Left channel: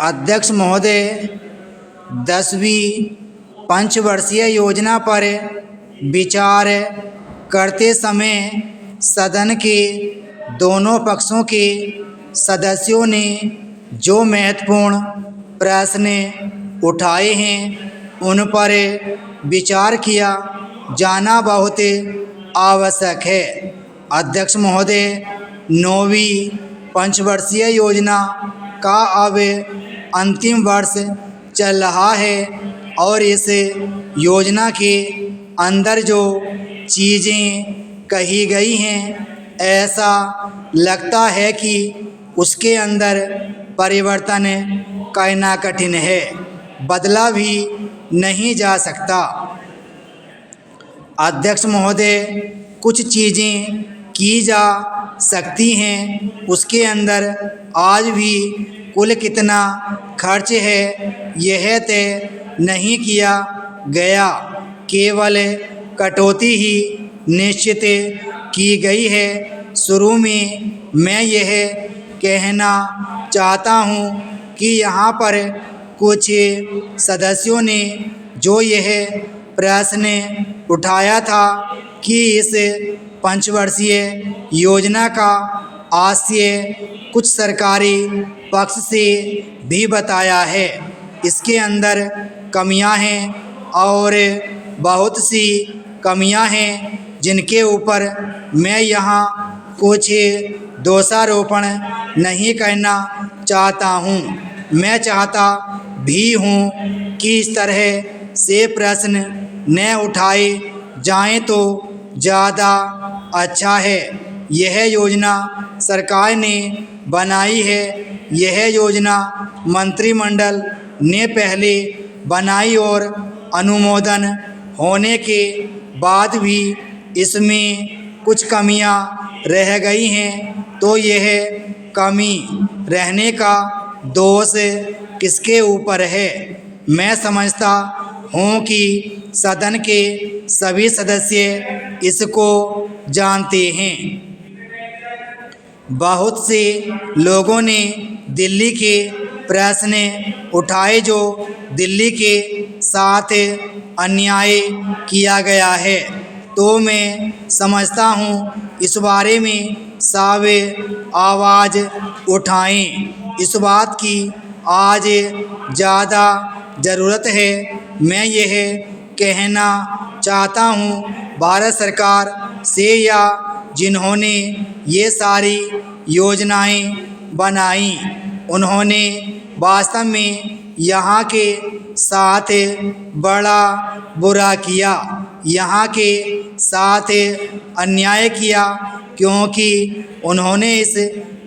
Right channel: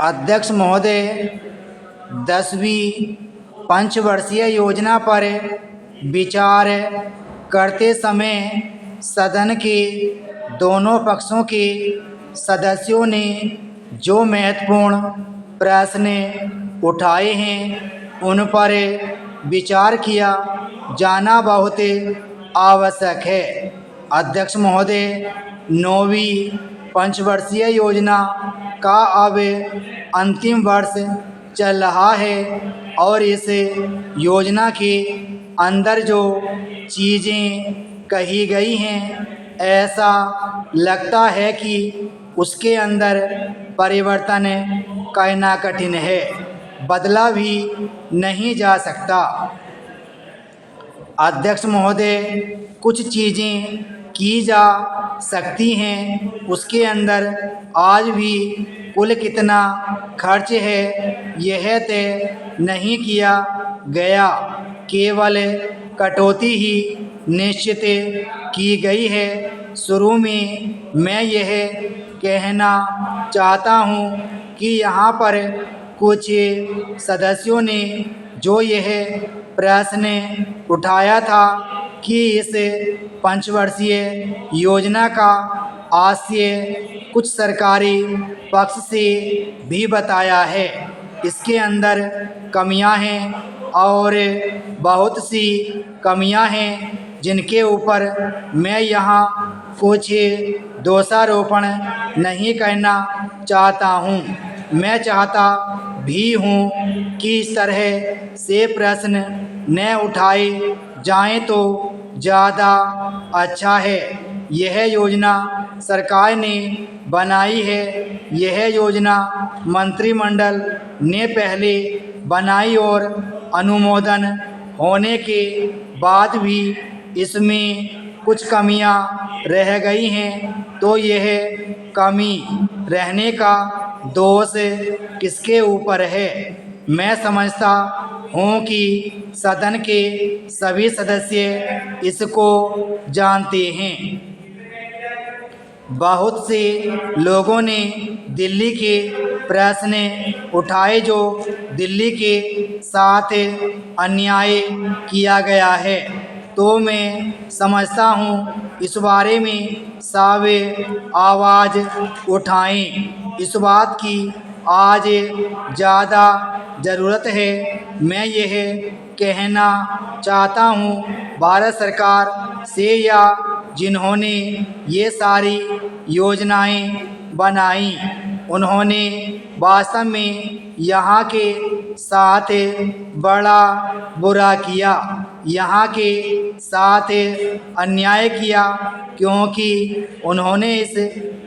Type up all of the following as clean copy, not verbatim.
अध्यक्ष महोदय, 10वीं पंचवर्षीय योजना पर विचार करते समय सदन के दोनों पक्षों के सदस्यों ने जो महत्वपूर्ण प्रश्न उठाए हैं उन पर विचार किया जाना बहुत आवश्यक है। अध्यक्ष महोदय, 9वीं पंचवर्षीय योजना का अब अंतिम वर्ष चल रहा है और इस योजना के अंदर जो चीज़ें कही गई हैं, ऐसा लगता है कि उसके अंदर परिवर्तन करना कठिन है, बदला भी नहीं जा सकता। अध्यक्ष महोदय, कुछ चीज़ें की जा सकती हैं, उसके अंदर आज भी कुल कितना खर्च है यह तय नहीं किया गया, केवल कटौती ही निश्चित की गई है। शुरू में मैं यह कहना चाहता हूँ कि यहाँ पर कुछ सदस्यों ने जो यह प्रश्न उठाया था कि इस पंचवर्षीय योजना का आशय कुछ सरकारी पक्ष से भी बताया है, इसके अंदर कमियां हैं और बहुत सी कमियां हैं जिनके ऊपर मैं यहाँ कुछ दोषारोपण नहीं करना चाहता हूँ। मैं चाहता भी हूँ कि इस तरह से प्रश्न न उठाए जाएं तो ज़्यादा अच्छा है। यह योजना सरकार ने बनाई है, यह योजना मंत्रिमंडल ने पहले बनाई और अनुमोदन होने के बाद भी इसमें कुछ कमियां रह गई हैं, तो यह कमी रहने का दोष किसके ऊपर है? मैं समझता हूँ कि सदन के सभी सदस्य इसको जानते हैं। बहुत से लोगों ने दिल्ली के प्रश्न उठाए जो दिल्ली के साथ अन्याय किया गया है, तो मैं समझता हूँ इस बारे में सब आवाज़ उठाएं। इस बात की आज ज़्यादा ज़रूरत है। मैं यह कहना चाहता हूँ भारत सरकार से या जिन्होंने ये सारी योजनाएं बनाई, उन्होंने वास्तव में यहाँ के साथ बड़ा बुरा किया, यहाँ के साथ अन्याय किया, क्योंकि उन्होंने इस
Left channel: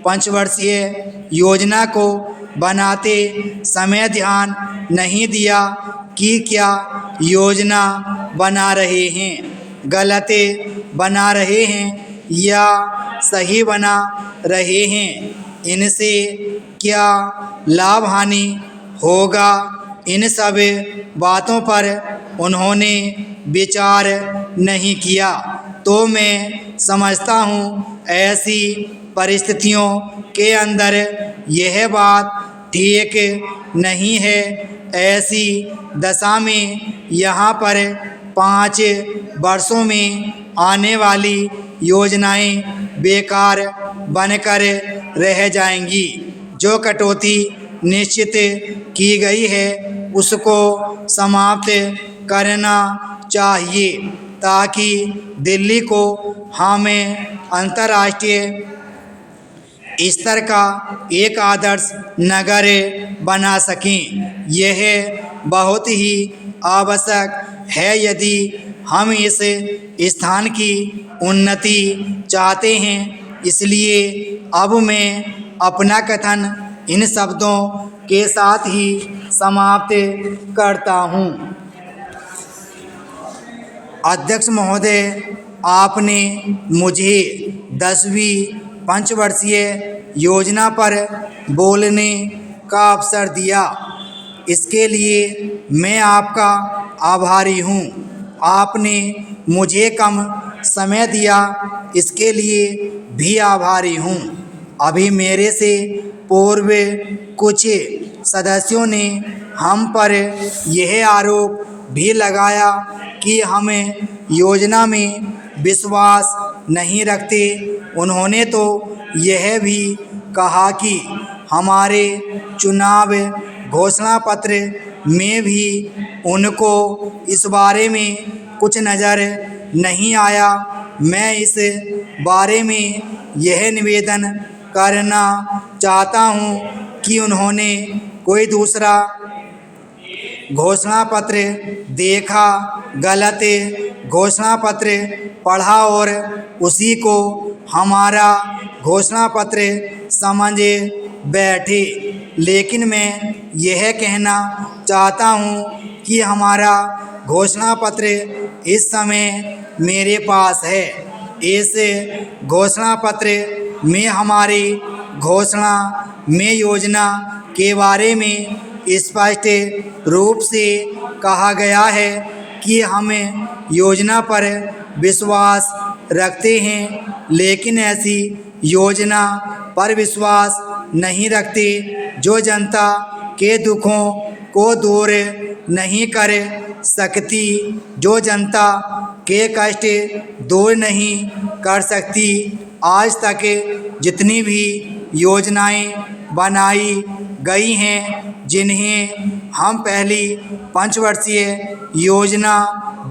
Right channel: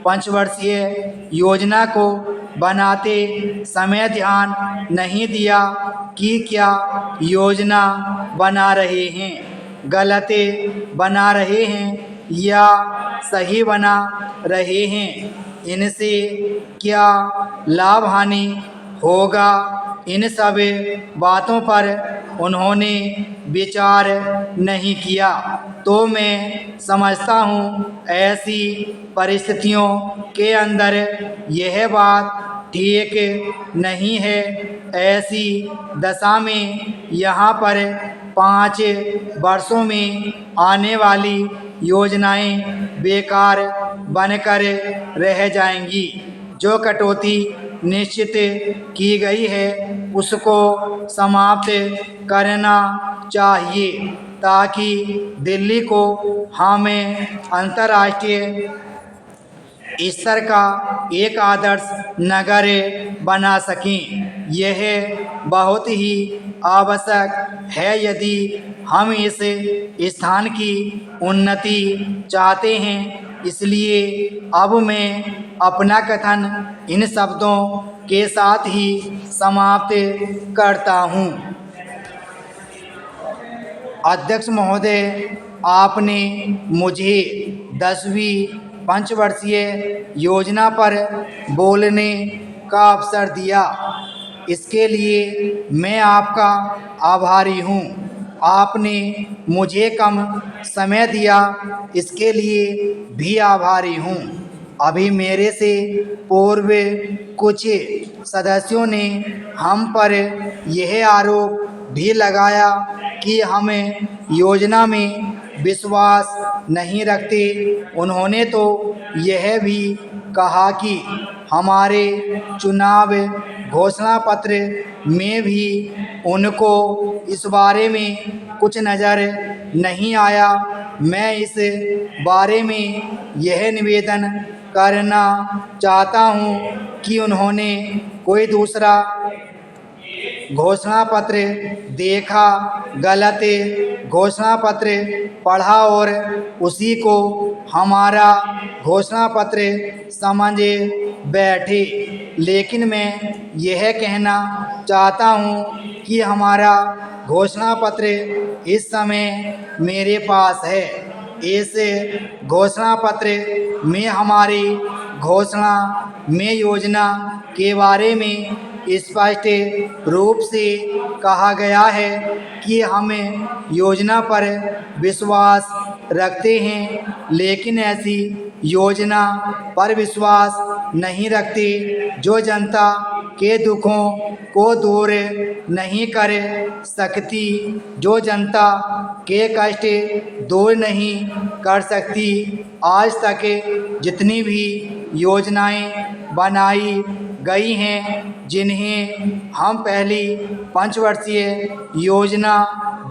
पंचवर्षीय योजना को बनाते समय ध्यान नहीं दिया कि क्या योजना बना रहे हैं, गलत बना रहे हैं या सही बना रहे हैं, इनसे क्या लाभ हानि होगा, इन सब बातों पर उन्होंने विचार नहीं किया। तो मैं समझता हूँ ऐसी परिस्थितियों के अंदर यह बात ठीक नहीं है। ऐसी दशा में यहाँ पर 5 वर्षों में आने वाली योजनाएं बेकार बनकर रह जाएंगी। जो कटौती निश्चित की गई है उसको समाप्त करना चाहिए ताकि दिल्ली को हम अंतर्राष्ट्रीय स्तर का एक आदर्श नगर बना सकें। यह बहुत ही आवश्यक है यदि हम इस स्थान की उन्नति चाहते हैं। इसलिए अब मैं अपना कथन इन शब्दों के साथ ही समाप्त करता हूँ। अध्यक्ष महोदय, आपने मुझे 10वीं पंचवर्षीय योजना पर बोलने का अवसर दिया, इसके लिए मैं आपका आभारी हूँ। आपने मुझे कम समय दिया, इसके लिए भी आभारी हूँ। अभी मेरे से पूर्व कुछ सदस्यों ने हम पर यह आरोप भी लगाया कि हम योजना में विश्वास नहीं रखते। उन्होंने तो यह भी कहा कि हमारे चुनाव घोषणा पत्र में भी उनको इस बारे में कुछ नज़र नहीं आया। मैं इस बारे में यह निवेदन करना चाहता हूँ कि उन्होंने कोई दूसरा घोषणा पत्र देखा, गलत घोषणा पत्र पढ़ा और उसी को हमारा घोषणा पत्र समझ बैठे। लेकिन मैं यह कहना चाहता हूँ कि हमारा घोषणा पत्र इस समय मेरे पास है। इस घोषणा पत्र में हमारी घोषणा में योजना के बारे में स्पष्ट रूप से कहा गया है कि हम योजना पर विश्वास रखते हैं, लेकिन ऐसी योजना पर विश्वास नहीं रखते जो जनता के दुखों को दूर नहीं कर सकती, जो जनता के कष्ट दूर नहीं कर सकती। आज तक जितनी भी योजनाएं बनाई गई हैं, जिन्हें हम पहली पंचवर्षीय योजना,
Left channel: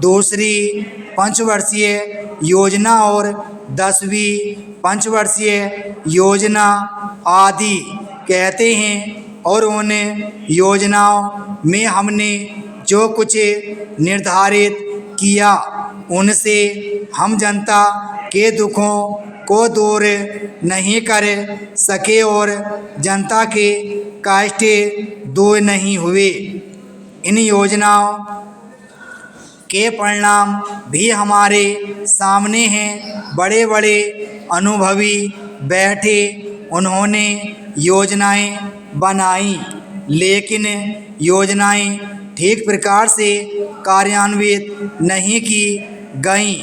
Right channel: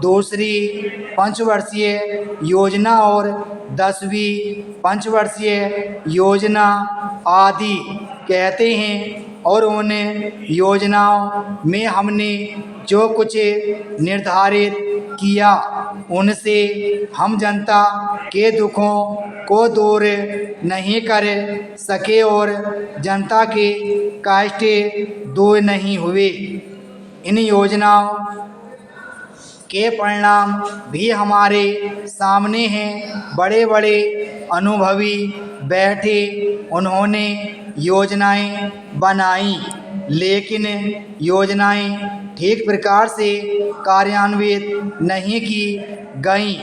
दूसरी पंचवर्षीय योजना और 10वीं पंचवर्षीय योजना आदि कहते हैं, और उन योजनाओं में हमने जो कुछ निर्धारित किया उनसे हम जनता के दुखों को दूर नहीं कर सके और जनता के कष्ट दूर नहीं हुए। इन योजनाओं के परिणाम भी हमारे सामने हैं। बड़े बड़े अनुभवी बैठे, उन्होंने योजनाएं बनाई, लेकिन योजनाएं ठीक प्रकार से कार्यान्वित नहीं की गईं।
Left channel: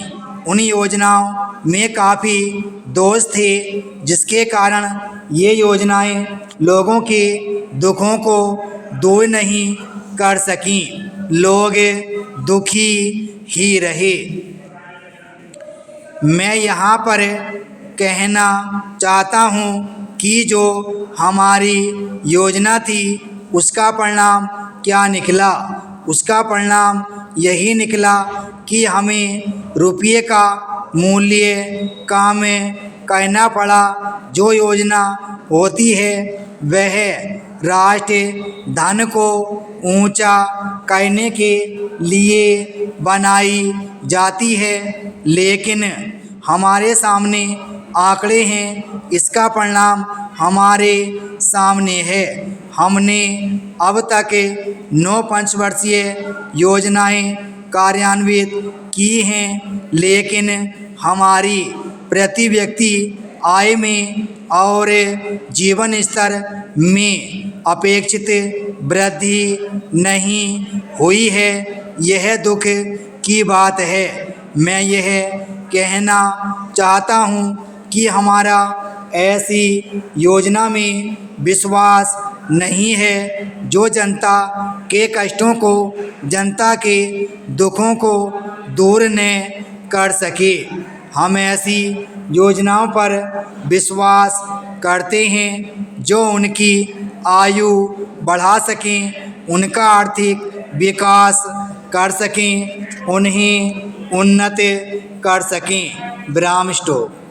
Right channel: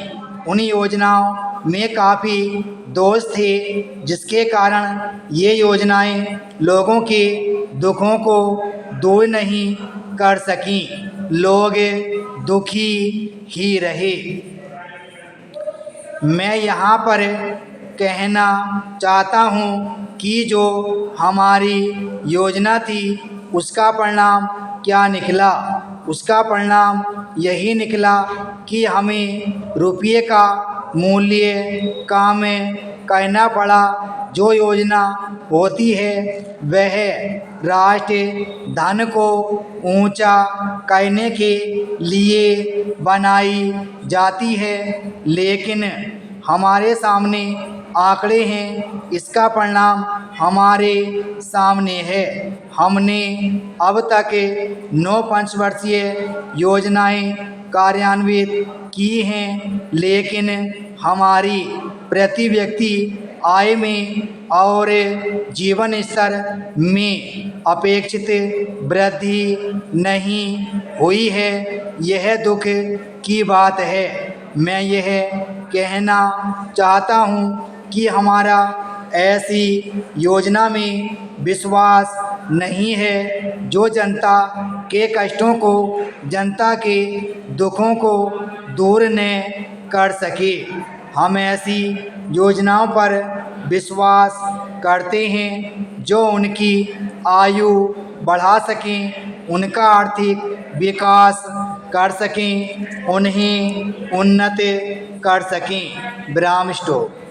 उन योजनाओं में काफ़ी दोष थे, जिसके कारण ये योजनाएं लोगों के दुखों को दूर नहीं कर सकीं। लोग दुखी ही रहे। मैं यहाँ पर कहना चाहता हूँ कि जो हमारी योजना थी उसका परिणाम क्या निकला। उसका परिणाम यही निकला कि हमें रुपये का मूल्य कम करना पड़ा। जो योजना होती है वह राष्ट्र धन को ऊंचा करने के लिए बनाई जाती है, लेकिन हमारे सामने आंकड़े हैं, इसका परिणाम हमारे सामने है। हमने अब तक 9 पंचवर्षीय योजनाएं कार्यान्वित की हैं, लेकिन हमारी प्रति व्यक्ति आय में और जीवन स्तर में अपेक्षित वृद्धि नहीं हुई है। यह दुख की बात है। मैं यह कहना चाहता हूँ कि हमारा ऐसी योजना में विश्वास नहीं है जो जनता के कष्टों को, जनता के दुखों को दूर न कर सके। हम ऐसी योजनाओं पर विश्वास करते हैं जो उनकी आयु बढ़ा सकें, उनका आर्थिक विकास कर सकें, उन्हें उन्नत कर सकें। ब्राह्म स्टोर।